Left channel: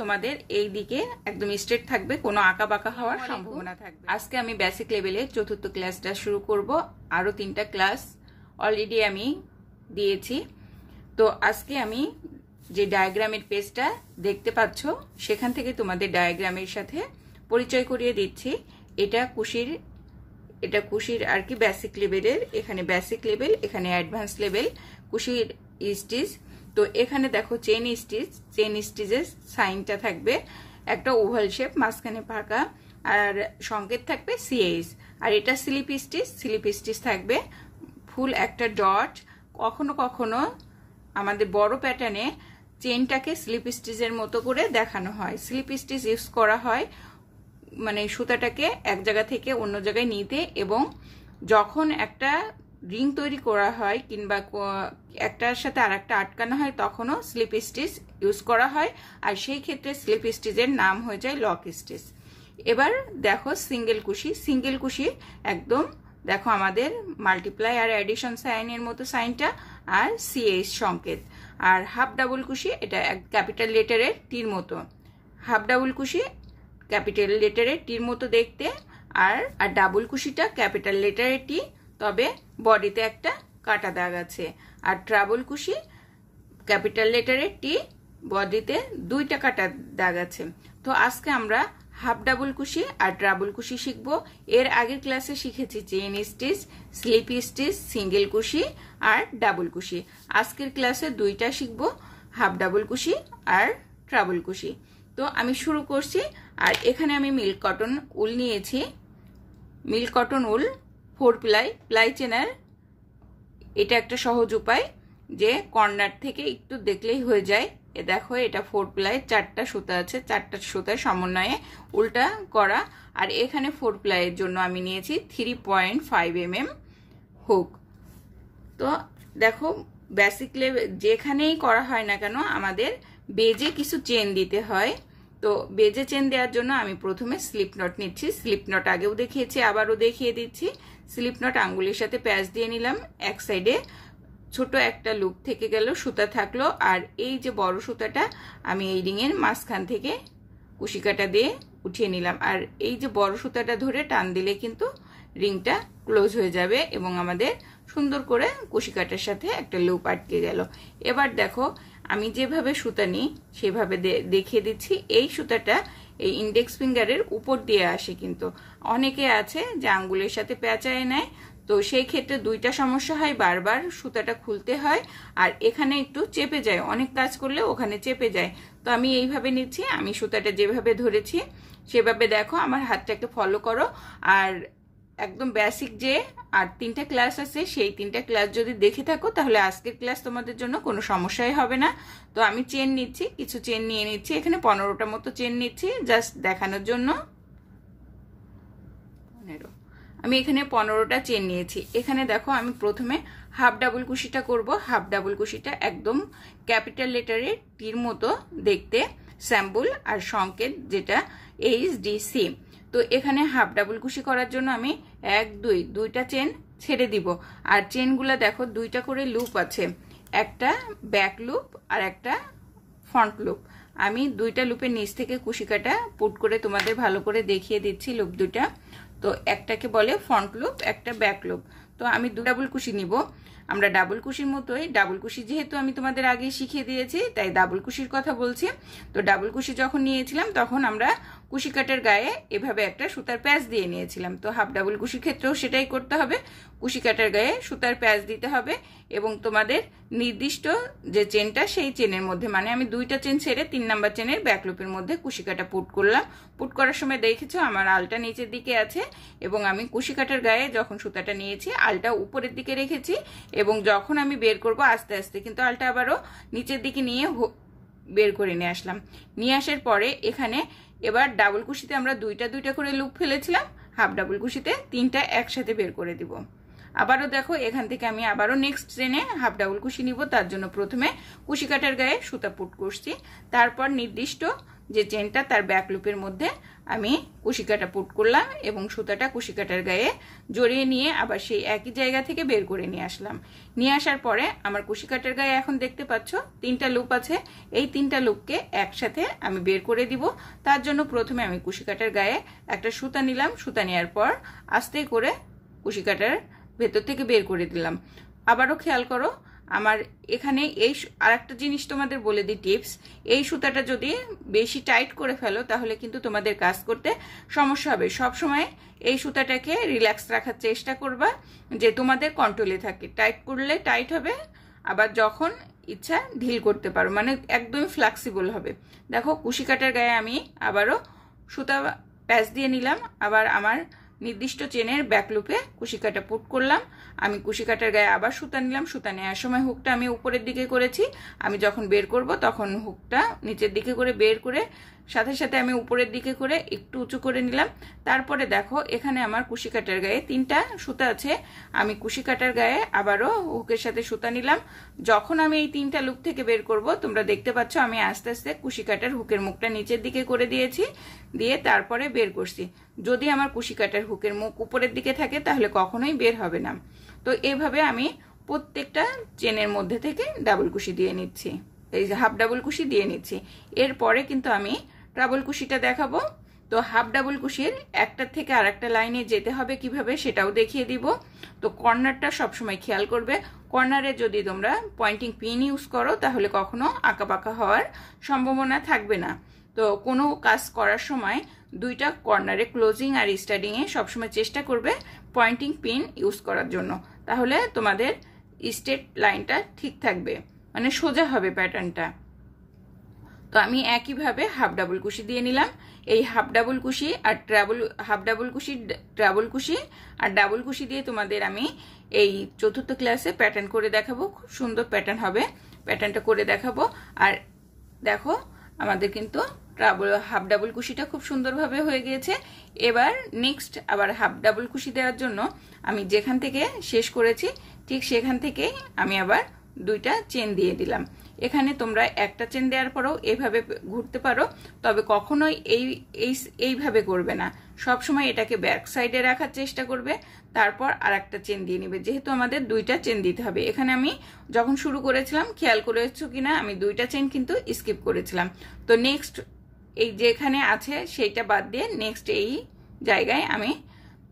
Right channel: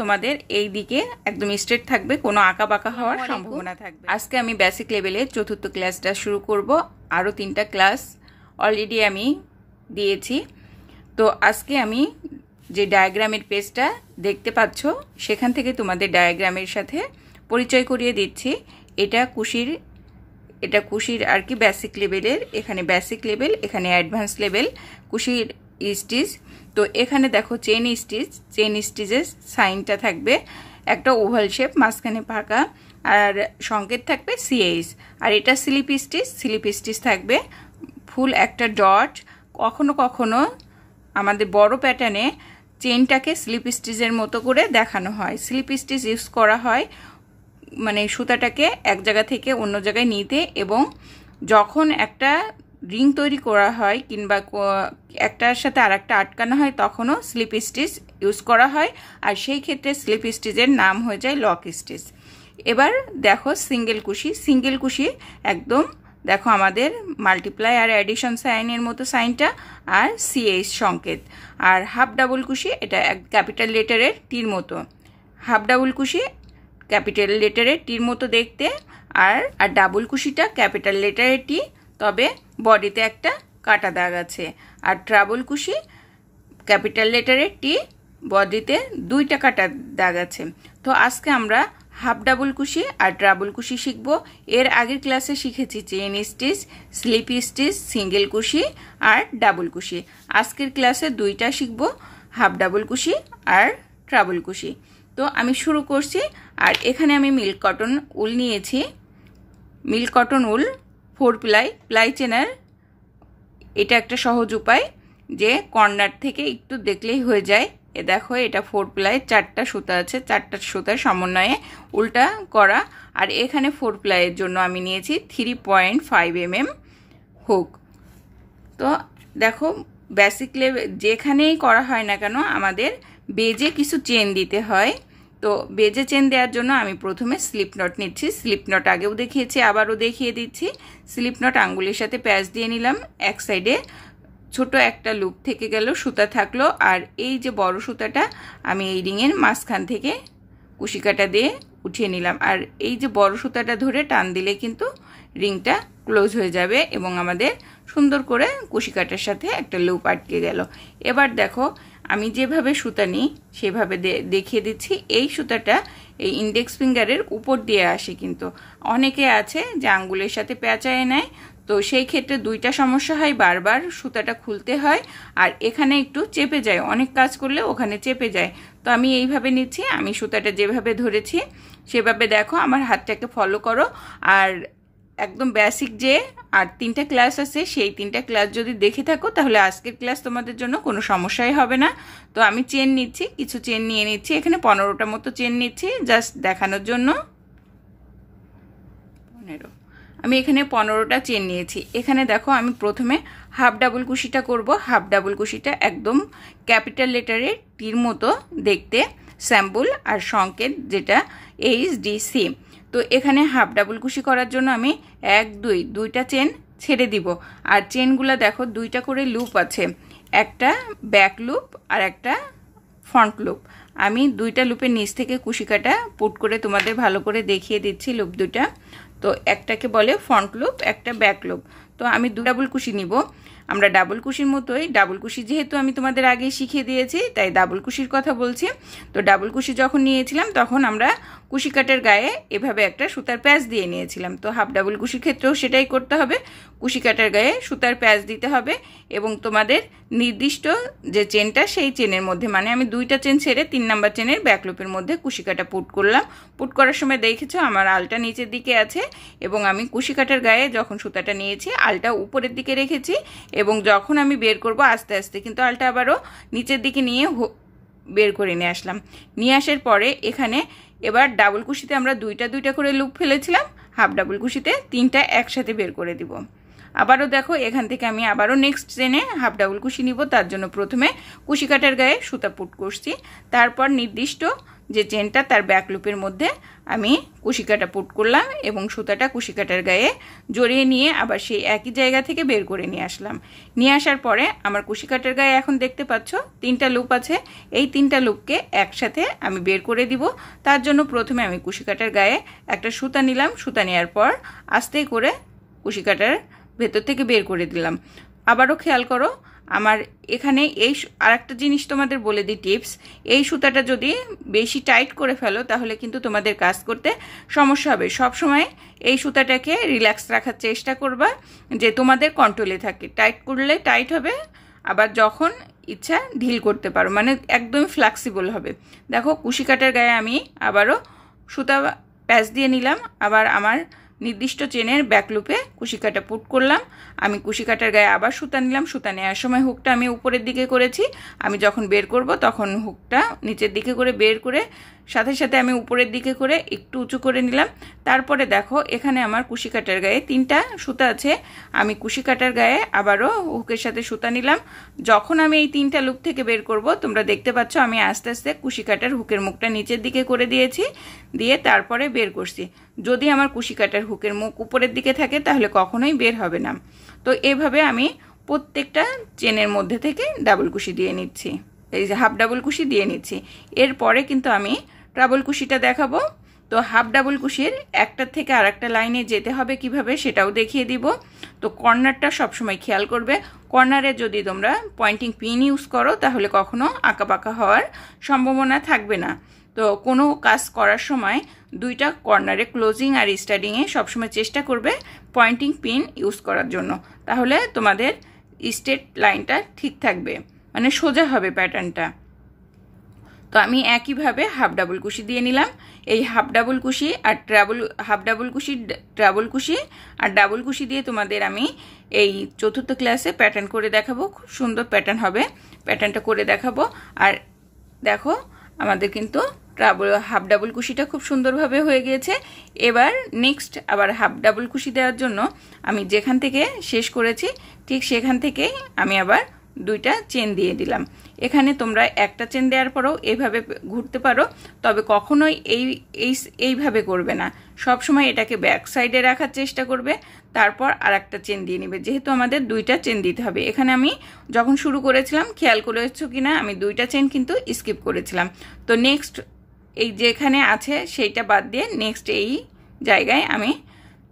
তোমাদের এই দিকে একদম স্ট্রেট থাকবে, কোনো আঁকা বাঁকা হওয়ার সম্ভাবনা থাকবে। আজকে আমি বেসিক লেভেলে 4th ক্লাসটা শুরু করব। আরও 3টা ক্লাস অলরেডি আমি দিয়েছি। তো আজকে আমি যে ডায়াগ্রামের পেজটা দেখতে পাচ্ছ সেখান থেকে তোমাদের ডায়াগ্রামের সাথে পরিচয় করিয়ে দিচ্ছি। এটা কুশির আর কি বেসিক লেভেলের, এখানে বেসিক লেভেল, এখানে অ্যাডভান্স লেভেল কুশির স্টিচ। তো এখানে দেখো চেন স্টিচের সাইনটা থাকবে একটা ওভাল শেপ, মাঝখানে ফাঁকা, আর সংকেত থাকবে সিএইচ। আর এটা স্লিপ স্টিচ থাকবে ফুল একটা ডট। কখনো কখনো আমাদের বড় প্যাটার্নে চেনটাকে স্লিপ স্টিচের মতো করে দেখানো হয়। স্লিপ স্টিচ ইউজ করা হয় মানে সুতাটাকে এক জায়গা থেকে অন্য জায়গায় নিতে, এবং যখন একটা রিং তৈরি করা হয় কিংবা একটার সাথে আর একটা আটকানো হয় তখনও স্লিপ স্টিচ ইউজ করা হয়, আর সেই ক্ষেত্রে স্লিপ স্টিচের নাম হয়ে যায় লক স্টিচ। এবার দেখো সিঙ্গেল কুশি একদম দেখো আমাদের মাল্টিপ্লাই আর অ্যাডিশন সাইনের মতো সাইনটা, আর সিএইচ সংকেত। আর হাফ ডাবল কুশি এটা ক্যাপিটাল লেটারের টির মতো, হাফ ডাবল কুশি ক্যাপিটাল লেটারের টির মতো দেখতে, আর ডাবল কুশিটা ক্যাপিটাল লেটারের টি, তবে বডিতে একটা কাটা দাগ আছে। আর ট্রাবল কুশি ক্যাপিটাল লেটারের টি, বডিতে 2টা কাটা দাগ আছে। তো আজকে আমরা হাফ ডাবল কুশি আর ট্রাবল কুশি শিখব। এর আগের ক্লাসে শিখেছি chain stitch, slip stitch, single কুশি আর ডাবল কুশি। আজকের ক্লাসে 2টা শিখব, হাফ ডাবল কুশি আর ট্রাবল কুশি। তো আমি শুরু করছি। আর এখানে আমি মিল্ক কটন উল নিয়েছি। মিল্ক কটন উল 4 প্লাই চেনার এটা একটা সহজ উপায়, যে কর্নার থেকে একটু দেখলেই হয়ে যায়। এ দেখো এটা 4 প্লাই, 4টা সুতা আছে, 4টা সুতার সমন্বয়ে উল্টা করা। আর এখানে 4 প্লাইয়ের জন্য আমি নিয়েছি 3.5 mm হুক। তো দেখো বেসিক লেভেল যেখানেই করা হয় না কেন আমাদের বেজে কিছু চেন দিতে হয়। তো বেজে চেন দেওয়ার জন্য আমি প্রথমে স্লিপ নট নিচ্ছি। স্লিপ নট আগেও দেখিয়েছি, আবারও দেখিয়ে দিচ্ছি। স্লিপ নট আঙ্গুলের সাথে প্যাচ দিয়ে নিলাম। এক সাইডে ছোট একটা লুপ থেকে গেল, সুতা থাকলো, আর এই যে বড় সুতাটা আমি এই রিংয়ের মাঝখান থেকে কুশিকাটা দিয়ে উঠিয়ে নিলাম। আর এই যে বড় সুতাটা ধরে টান দিলে কিন্তু রিংটা ক্লোজ হয়ে যাবে এবং আমাদের সুন্দর করে কুশিকাটার সাথে একটা লুপ আটকে গেল। এবার দেখো আমি যেভাবে সুতা নিই সেভাবে দেখিয়ে দিচ্ছি। এই সুতাটা এই ইন্ডেক্স ফিঙ্গারের উপর দিয়ে আসে, কিন্তু অনেকে আছে যে আঙ্গুলের সাথে পেঁচায় নেয়। তো সেই ক্ষেত্রে 2টা সমস্যা হয়, বারবার সুতাটা খুলতে হয়, আর এখানে একটু চেপে যায়, অনেক কাজ করলে ওখানে চেপে যায়। তো আমি এইভাবে নিচ্ছি, আমি সুতাটা যেভাবে ধরেছি সেভাবে দেখো আমার হাতটাকে ফলো করো। আর একদম বেসিক যে আর 3টা ক্লাস আছে সেই 3টা ক্লাস যদি দেখে থাকো তাহলে আজকের ক্লাস তোমাদের জন্য কোনো সমস্যাই হবে না। তো আমি চেন নিচ্ছি, কিছু চেন নিয়ে নিচ্ছি, এখানে 15টা মতো চেন নিচ্ছি জাস্ট দেখানোর জন্য। 15 আমি এখানে 15টা চেন নিয়েছি। এখানে দেখো আমি প্রথমে হাফ ডাবল কুশিটা করব। হাফ ডাবল কুশিটা একদম ক্যাপিটাল লেটারের টির মতো দেখতে, স্যাম্পল আর সংকেত যেটা HDC। তো এখানে হাফ ডাবল কুশি করার জন্য আমি 2টা চেন ছেড়ে দিব। আর চেনগুলো দেখো 2টা করে লুপ আছে, একটা ব্যাক লুপ আর একটা ফ্রন্ট লুপ। আমি 2টা লুপের নিচ থেকে কুশিকাটা পুট করে তোমাদের ভালো করে দেখিয়ে দিচ্ছি লুপ 2টা। তো একটাকে বলে ফ্রন্ট লুপ, একটা ব্যাক লুপ। তো আমি ডাবল কুশি নিব। আমরা ডাবল কুশির মতোই, ডাবল কুশি যেহেতু আমি তোমাদের আগে শিখিয়ে দিয়েছি তাই ডাবল কুশির কথা বলছি। তো ডাবল কুশি যখন নিয়েছিলাম তখন আমরা কুশি কাটের গায়ে এভাবে একটা সুতার প্যাচ দিয়ে নিয়েছিলাম। তো হাফ ডাবল কুশির ক্ষেত্রেও সেটাই করতে হবে, কুশি কাটের গায়ে সুতার প্যাচ দিতে হবে এবং তোমাদের নির্দিষ্ট যে চেনটা সেই চেনের মধ্যে, মানে আমি 2টা চেন ছেড়ে 3 নাম্বার চেনের ব্যাক লুপের মধ্যে কুশি কাটা পুট করলাম। পুট করার সময় দেখেছো আমার আলটা নিচের দিকে আছে এবং আমি কুশি কাটার গায়ে যখন সুতাটা নিয়েছি আলটা উপরের দিকে রেখেছি, এবং যখন আমি বের করব আস্তে আস্তে কিন্তু আলটা আবারও নিচের দিকে নিয়ে বের করে নিয়ে আসলাম। নিয়ে আসার পরে এখানে এবার ডাবল কুশিতে আমরা 2টা করে লুপ ফেলেছিলাম, হাফ ডাবল কুশিতে 3টা একসাথে বের করে দিব। আবারও দেখো এখান থেকে আমি আবারও নেক্সট চেনে হাফ ডাবল কুশি নিব। তার জন্য প্রথমে কুশি কাটার গায়ে সুতা পুট করছি, তারপর নির্দিষ্ট যে চেনটা তার ব্যাক লুপের মধ্যে আমি কুশি কাটা পুট করলাম এবং সুতাটা কুশি কাটার গায়ে জড়িয়ে নিয়ে আবার সেই একই জায়গা থেকে বের করে নিয়ে আসলাম। নিয়ে আসার পরে আমার কুশি কাটার গায়ে এখন দেখতে পাচ্ছ 3টা লুপ আছে। এই 3টা লুপকে একসাথে আমি বের করে দিব। তার জন্য প্রথমে আমি কুশি কাটার গায়ে একটা সুতা নিলাম। সুতা নেওয়ার পর আস্তে করে কুশি কাটার ভেতর থেকে বের করে দিলাম। আবারও খেয়াল করো, আমার এখানে এই আরেকটা জিনিস তোমাদের বলে দিই টিপস, এই সুতাটা যদি বেশি টাইট করে ফেলো তাহলে কিন্তু তোমাদের কাজ করতে সমস্যা হবে। সব সময় এই সুতাটাকে রিল্যাক্স রাখার চেষ্টা করবা, যে তোমাদের কন্ট্রোলে থাকে। টাইট করলে টাইট হবে, আবার যখন ইচ্ছা ঢিল করতে পারো, মানে একদম ফ্লেক্সিবল হবে। দেখো কুশি কাটার গায়ে আমি আবারও সুতা প্যাচ দিয়ে নিলাম। আবার আমার নির্দিষ্ট চেনের ব্যাক লুপে কুশি কাটা পুট করলাম। আমি কুশি কাটার গায়ে আবার সুতা নিলাম। সুতা নেওয়ার সময় হুকটা আমি উপরের দিকে করেছি। আমি যখন বের করব তখন হুকটা নিচের দিকে করে বের করে সাথে সাথে আমি উপরের দিকে করে একটু উঁচু করে নিলাম। তারপরে দেখো এখানে আমার কুশি কাটার গায়ে 3টা সুতা আছে। আমি কুশি কাটার গায়ে আবারও হুকের সাথে সুতা নিলাম। যখন আমি এই 3টা লুপ থেকে বের করব তোমরা দেখতে পাচ্ছ আমি আস্তে আস্তে কুশি কাটার হুকের মুখটা নিচের দিকে করে দিয়েছি, দিয়ে তারপরে বের করছি। যদি আমার কুশি কাটার হুকের মুখ উপরের দিকে থাকে তাহলে কখনোই বের হবে না। তো এইভাবে আমি প্রত্যেকটা চেনের মধ্যে থেকে ডাবল কুশি দিয়ে নিচ্ছি, এই যে হাফ ডাবল কুশি দিয়ে নিচ্ছি। এরপরে কিন্তু আমি ডাবল কুশিটা দেখাবো। তো হাফ ডাবল কুশির একটা থেকে আরেকটা লাইনে যেতে হবে কিভাবে সেটাও দেখিয়ে দিব। তো কর্নারটা সবসময় খেয়াল করবে। কর্নারে যদি তোমরা পয়েন্টিং পিন ইউজ করো তাহলে কখনো আঁকাবাঁকা হওয়ার সম্ভাবনা থাকবে না। তো কোনো কাজ করার সময় 2টা কর্নারে ক্লোজিং আর স্টার্টিংয়ে সবসময় চেষ্টা করবে পয়েন্টিং পিন ইউজ করার জন্য, তাহলে তোমাদের স্ট্রেট লাইনটা ঠিক থাকবে, মানে সোজা হবে প্যাটার্নটা। তো আমি একইভাবে হাফ ডাবল কুশি দিয়ে নিলাম। এই হাফ ডাবল কুশি আর হাফ ডাবল কুশি, ডাবল কুশি আর ডাবল কুশি দিয়ে তোমাদের আমি এই 4র্থ ক্লাসে প্যাটার্ন করে দেখাবো। খুব সুন্দর প্যাটার্ন হবে, প্যাটার্নটা করে দেখাবো। আর দেখো আমাদের কিন্তু হাফ ডাবল কুশিটা খুব সুন্দরভাবে হয়ে গিয়েছে। এবার নেক্সট আবার হাফ ডাবল কুশি দেওয়ার জন্য আমি যেখান থেকে শেষ করেছি ঠিক সেখান থেকে আমি আবার 2টা চেন দিয়ে দিলাম। এখানে তোমরা একটা চেন দেওয়ার পরেও এইভাবে ঘুরতে পারো, তবে কখনোই এইভাবে করবে না। সব সময় এটাকে ব্যাক সাইডে রাখার চেষ্টা করবে, তারপর আর একটা চেন দিয়ে নিবে, যেহেতু আমাদের 2টা চেন দিতে হবে। এখানে আমি যখন শুরু করেছিলাম খেয়াল করেছো কিনা আমি 2টা চেন কিন্তু স্কিপ করেছিলাম। তো নেক্সট এই যেখানে আছে সেইটা বাদ দিয়ে নেক্সট এই জায়গায় আমি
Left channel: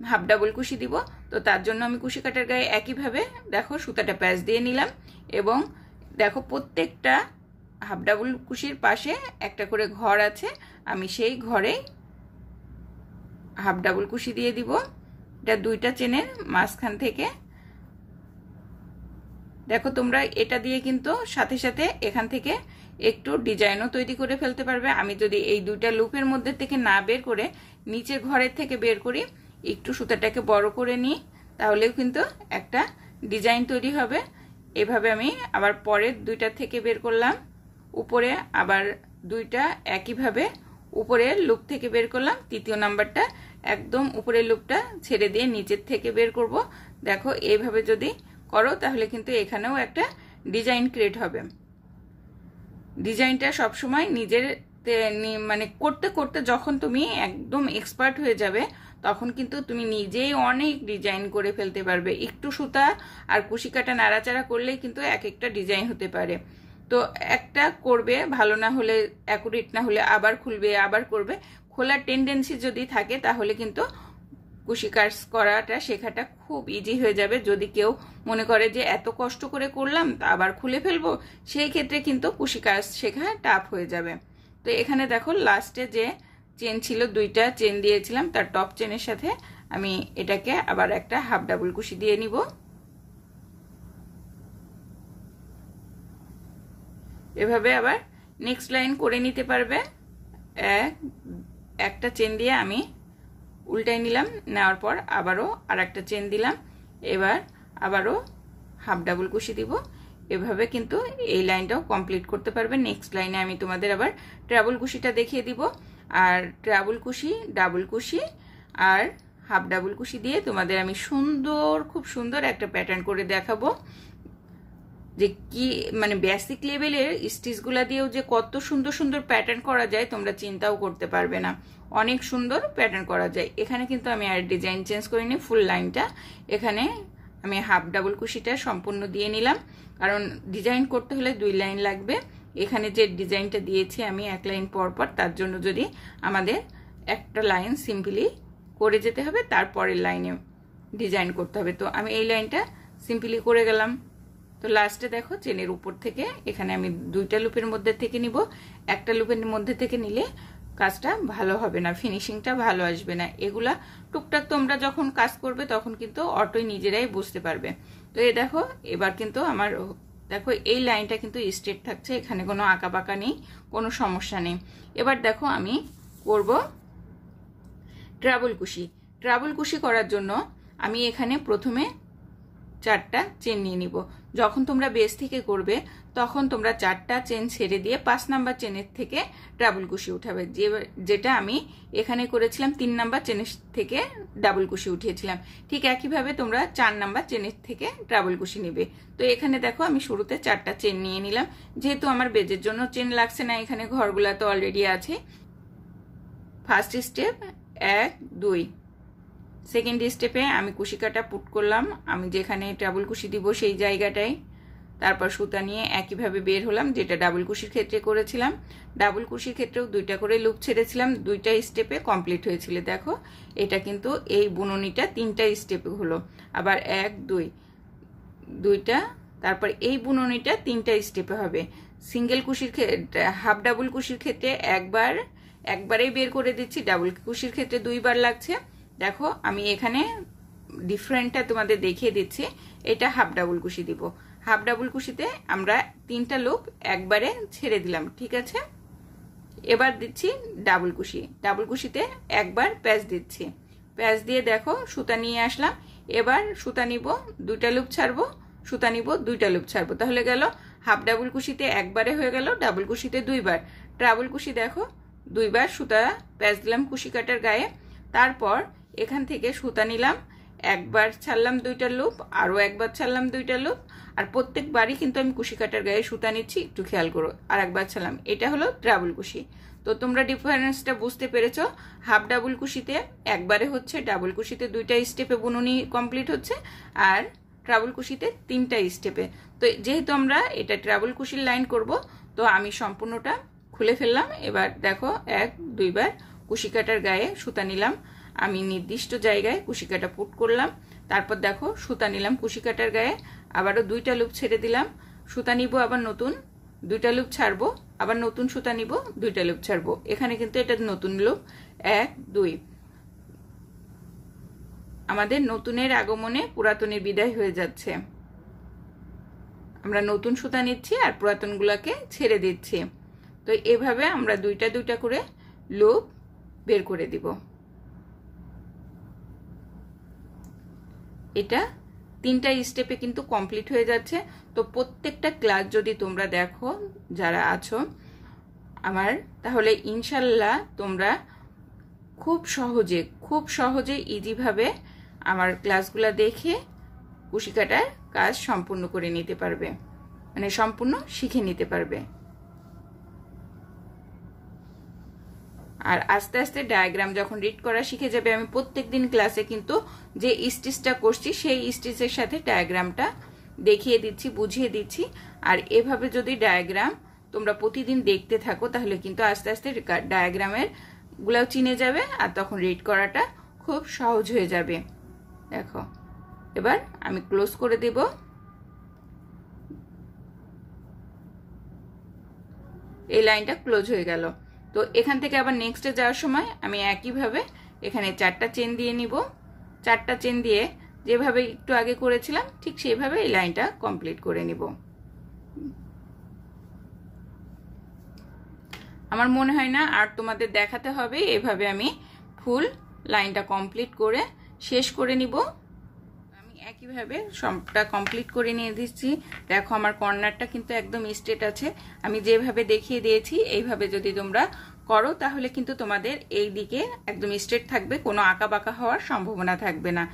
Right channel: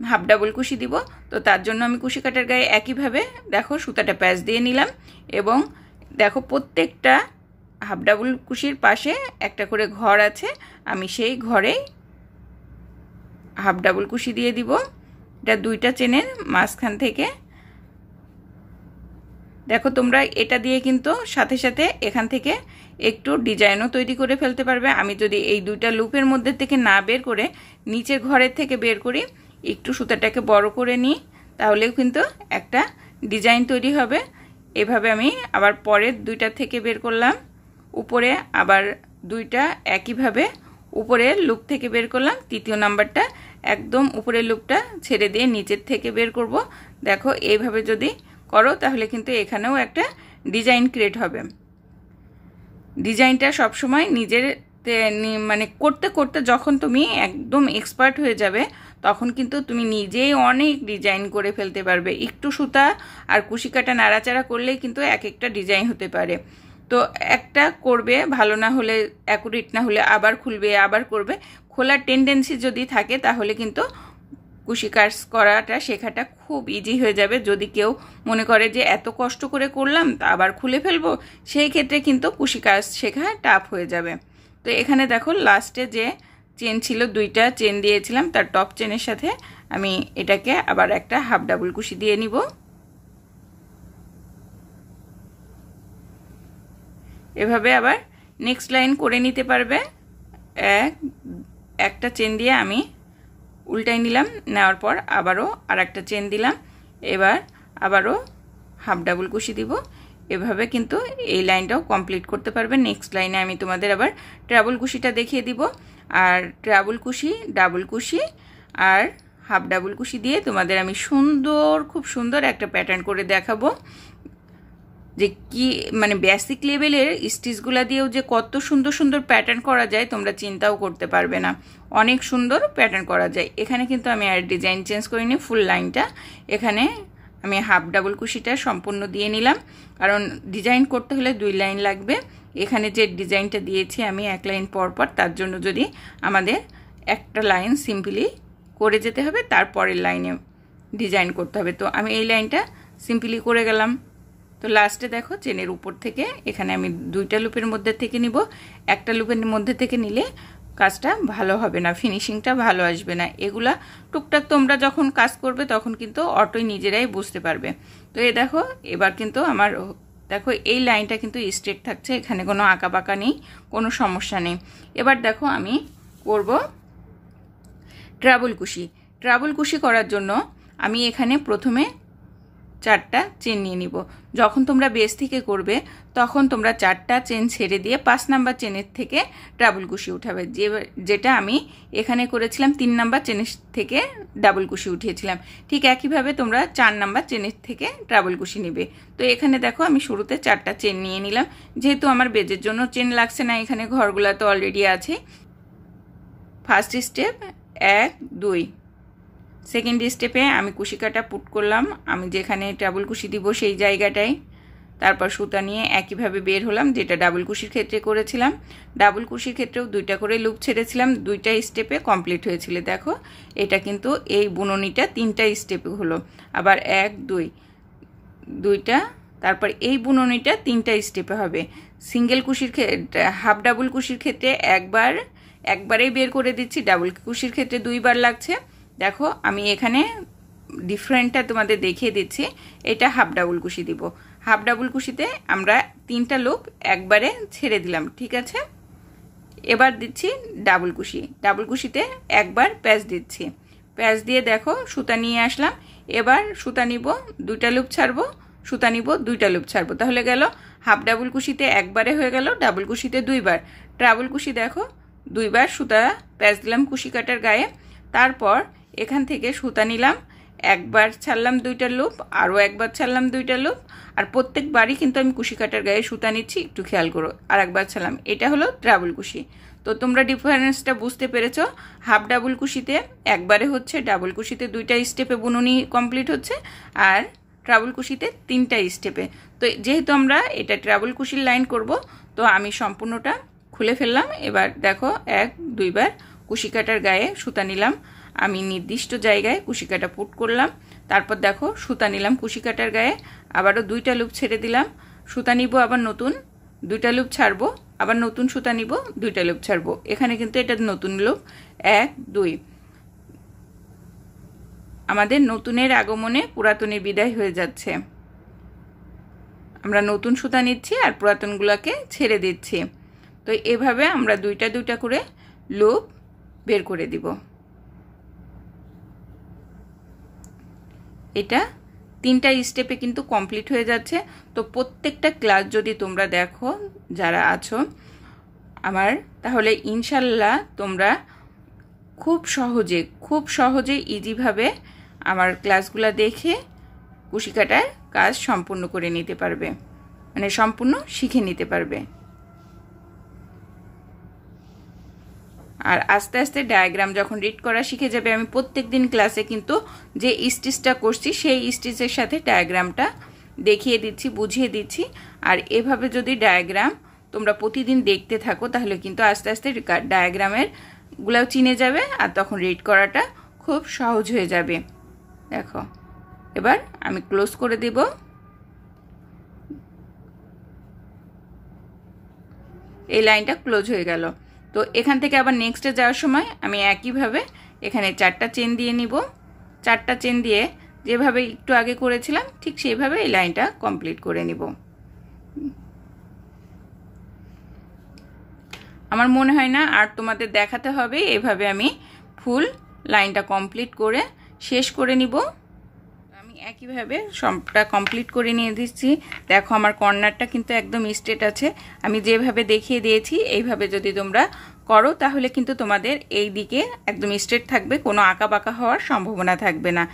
হাফ ডাবল কুশি দিব। তো তার জন্য আমি কুশি কাটার গায়ে একইভাবে দেখো সুতাটা প্যাচ দিয়ে নিলাম এবং দেখো প্রত্যেকটা হাফ ডাবল কুশির পাশে একটা করে ঘর আছে, আমি সেই ঘরে হাফ ডাবল কুশি দিয়ে দিব। এটা 2টা চেনের মাঝখান থেকে। দেখো তোমরা এটা দিয়ে কিন্তু সাথে সাথে এখান থেকে একটু ডিজাইনও তৈরি করে ফেলতে পারবে। আমি যদি এই 2টা লুপের মধ্যে থেকে না বের করে নিচের ঘরের থেকে বের করি, একটু সুতাটাকে বড় করে নিই, তাহলেও কিন্তু একটা ডিজাইন তৈরি হবে। এভাবে আমি আবার পরের 2টা থেকে বের করলাম, উপরে আবার 2টা একইভাবে উপরের লুপ থেকে বের করলাম। 3য় নাম্বারটা একদম উপরের লুপটা ছেড়ে দিয়ে নিচের থেকে বের করব। দেখো এইভাবে যদি করো তাহলে কিন্তু এখানেও একটা ডিজাইন ক্রিয়েট হবে। ডিজাইনটা সবসময় নিজের মানে করতে করতে যখন তুমি একদম এক্সপার্ট হয়ে যাবে তখন কিন্তু তুমি নিজেই অনেক ডিজাইন করে ফেলতে পারবে। একটু সুতা আর কুশি কাটা নাড়াচাড়া করলেই কিন্তু এক একটা ডিজাইন হতে পারে। তো একটা করবে, ভালো না হলে অ্যাকুরেট না হলে আবার খুলবে, আবার করবে। খোলার টেন্ডেন্সি যদি থাকে তাহলে কিন্তু কুশি কাজ করাটা শেখাটা খুব ইজি হয়ে যাবে। যদি কেউ মনে করে যে এত কষ্ট করে করলাম তা আবার খুলে ফেলবো, সেই ক্ষেত্রে কিন্তু কুশি কাজ শেখা টাফ হয়ে যাবে। তো এখানে দেখো লাস্টে যে চেন ছিল 2টা চেন দিয়েছিলাম, তার টপ চেনের সাথে আমি এটাকে আবার একটা হাফ ডাবল কুশি দিয়ে নিব। এভাবে আবার নেক্সট লাইন করে নিতে পারবে। একটা চেন দিয়ে আমি উল্টাই নিলাম, নেওয়ার পর আবারও আর একটা চেন দিলাম, এবার আবারও হাফ ডাবল কুশি দিব। এভাবে কিন্তু এই লাইনটাও কমপ্লিট করতে পারবে। নেক্সট লাইনে আমি তোমাদের আবার ট্রাবল কুশিটা দেখিয়ে দিব। আর ট্রাবল কুশি, ডাবল কুশি আর হাফ ডাবল কুশি দিয়ে তোমাদের আমি সুন্দর, খুব সুন্দর একটা প্যাটার্ন করে দেখাবো। যে কি মানে বেসিক লেভেলের স্টিচগুলা দিয়েও যে কত সুন্দর সুন্দর প্যাটার্ন করা যায় তোমরা চিন্তাও করতে পারবে না। অনেক সুন্দর প্যাটার্ন করা যায়। এখানে কিন্তু আমি আর ডিজাইন চেঞ্জ করিনি, ফুল লাইনটা এখানে আমি হাফ ডাবল কুশিটা সম্পূর্ণ দিয়ে নিলাম, কারণ ডিজাইন করতে হলে 2 লাইন লাগবে। এখানে যে ডিজাইনটা দিয়েছি আমি 1 লাইন পর পর, তার জন্য যদি আমাদের একটা লাইন সিম্পলি করে যেতে হবে, তারপরের লাইনে ডিজাইন করতে হবে। তো আমি এই লাইনটা সিম্পলি করে গেলাম। তো লাস্টে দেখো চেনের উপর থেকে এখানে আমি 2টা লুপের মধ্যে থেকে নিব। একটা লুপের মধ্যে থেকে নিলে কাজটা ভালো হবে না, ফিনিশিংটা ভালো আসবে না। এগুলা টুকটাক তোমরা যখন কাজ করবে তখন কিন্তু অটোই নিজেরাই বুঝতে পারবে। তো এই দেখো এবার কিন্তু আমার দেখো এই লাইনটা কিন্তু স্ট্রেট থাকছে, এখানে কোনো আঁকা বাঁকা নেই, কোনো সমস্যা নেই। এবার দেখো আমি করব ট্রাবল কুশি। ট্রাবল কুশি করার জন্য আমি এখানে প্রথমে 4টা চেন নিয়ে নিব। যখন তোমরা বেস থেকে করবে তখন তোমরা 4টা চেন ছেড়ে দিয়ে 5 নাম্বার চেনের থেকে ডাবল কুশি উঠাবে, যেটা আমি এখানে করেছিলাম 3 নাম্বার চেনের থেকে ডাবল কুশি উঠিয়েছিলাম। ঠিক একইভাবে তোমরা 4 নাম্বার চেনের থেকে ডাবল কুশি নিবে। তো এখানে দেখো আমি শুরুতে 4টা চেন নিয়ে নিলাম, যেহেতু আমার বেজের জন্য চেন লাগছে না, এখানে ঘরগুলা তো অলরেডি আছে। ফার্স্ট স্টেপ 1 2, সেকেন্ড স্টেপে আমি কুশি কাটা পুট করলাম, আমি যেখানে ডাবল কুশি দিব সেই জায়গাটায়। তারপর সুতা নিয়ে একইভাবে বের হলাম, যেটা ডাবল কুশির ক্ষেত্রে করেছিলাম। ডাবল কুশির ক্ষেত্রেও 2টা করে লুপ ছেড়েছিলাম, 2টা স্টেপে কমপ্লিট হয়েছিল। দেখো এটা কিন্তু এই বুননিটা 3টা স্টেপে হলো। আবার 1 2, 2টা, তারপর এই বুননিটা 3টা স্টেপে হবে। সিঙ্গেল কুশির ক্ষেত্রে হাফ ডাবল কুশির ক্ষেত্রে একবারেই বের করে দিচ্ছি, ডাবল কুশির ক্ষেত্রে 2বার লাগছে। দেখো আমি এখানে ডিফারেন্টটা তোমাদের দেখিয়ে দিচ্ছি। এটা হাফ ডাবল কুশি দিব, হাফ ডাবল কুশিতে আমরা 3টা লুপ একবারে ছেড়ে দিলাম, ঠিক আছে। এবার দিচ্ছি ডাবল কুশি, ডাবল কুশিতে একবার প্যাচ দিচ্ছি, প্যাচ দিয়ে দেখো সুতা নিয়ে আসলাম। এবার সুতা নিব, 2টা লুপ ছাড়বো, সুতা নিব, 2টা লুপ ছাড়বো, তাহলে গেল হাফ ডাবল কুশিতে একবারে হয়ে গেল, ডাবল কুশিতে 2বার। ট্রাবল কুশি দেখো 2বার সুতা প্যাচ দিলাম কুশি কাটার গায়ে। তারপর এখান থেকে সুতা নিলাম, একবার ছাড়লাম 2টা লুপ, আরও একবার ছাড়লাম 2টা লুপ। আর প্রত্যেকবারই কিন্তু আমি কুশি কাটার গায়ে সুতা নিচ্ছি, একটু খেয়াল করো। আর একবার ছাড়লাম, এটা হলো ট্রাবল কুশি। তো তোমরা ডিফারেন্সটা বুঝতে পেরেছো। হাফ ডাবল কুশিতে একবারে হচ্ছে, ডাবল কুশিতে 2টা স্টেপে বুননি কমপ্লিট হচ্ছে, আর ট্রাবল কুশিতে 3টা স্টেপে। তো যেহেতু আমরা এটা ট্রাবল কুশির লাইন করব, তো আমি সম্পূর্ণটা খুলে ফেললাম। এবার দেখো 1 2বার কুশি কাটার গায়ে সুতা নিলাম, আমি নির্দিষ্ট জায়গায় কুশি কাটা পুট করলাম। তারপর দেখো সুতা নিলাম কুশি কাটার গায়ে, আবারও 2টা লুপ ছেড়ে দিলাম, সুতা নিব, আবার নতুন 2টা লুপ ছাড়বো, আবার নতুন সুতা নিব, 2টা লুপ ছাড়বো। এখানে কিন্তু এটা নতুন লুপ 1 2, আমাদের নতুনের আগমনে পুরাতনের বিদায় হয়ে যাচ্ছে। আমরা নতুন সুতা নিচ্ছি আর পুরাতনগুলোকে ছেড়ে দিচ্ছি। তো এভাবে আমরা 2টা করে লুপ বের করে দিব। এটা 3টা স্টেপে কিন্তু কমপ্লিট হয়ে যাচ্ছে। তো প্রত্যেকটা ক্লাস যদি তোমরা দেখো যারা আছো আমার, তাহলে ইনশাল্লাহ তোমরা খুব সহজে ইজিভাবে আমার ক্লাসগুলো দেখে কুশি কাটার কাজ সম্পূর্ণ করে নিতে পারবে, মানে সম্পূর্ণ শিখে নিতে পারবে। আর আস্তে আস্তে ডায়াগ্রাম যখন রিড করা শিখে যাবে, আমি প্রত্যেকদিন ক্লাসে কিন্তু যে স্টিচটা করছি সেই স্টিচের সাথে ডায়াগ্রামটা দেখিয়ে দিচ্ছি, বুঝিয়ে দিচ্ছি। আর এভাবে যদি ডায়াগ্রাম তোমরা প্রতিদিন দেখতে থাকো, তাহলে কিন্তু আস্তে আস্তে ডায়াগ্রামের গুলাও চিনে যাবে, আর তখন রিড করাটা খুব সহজ হয়ে যাবে। দেখো এবার আমি ক্লোজ করে দেব। এই লাইনটা ক্লোজ হয়ে গেল। তো এখান থেকে আবার নেক্সটে যাওয়ার সময় আমি একইভাবে এখানে 4টা চেন দিয়ে নিব। 4টা চেন দিয়ে যেভাবে একটু আগে করেছিলাম ঠিক সেইভাবে এই লাইনটা কমপ্লিট করে নিব। আমার মনে হয় না আর তোমাদের দেখাতে হবে, এভাবে আমি ফুল লাইনটা কমপ্লিট করে শেষ করে নিব। আমি একইভাবে সবটা কমপ্লিট করে নিয়ে দিচ্ছি। দেখো আমার কর্নারটা কিন্তু একদম স্ট্রেট আছে। আমি যেভাবে দেখিয়ে দিয়েছি এইভাবে যদি তোমরা করো তাহলে কিন্তু তোমাদের এই দিকে একদম স্ট্রেট থাকবে, কোনো আঁকা বাঁকা হওয়ার সম্ভাবনা থাকবে না।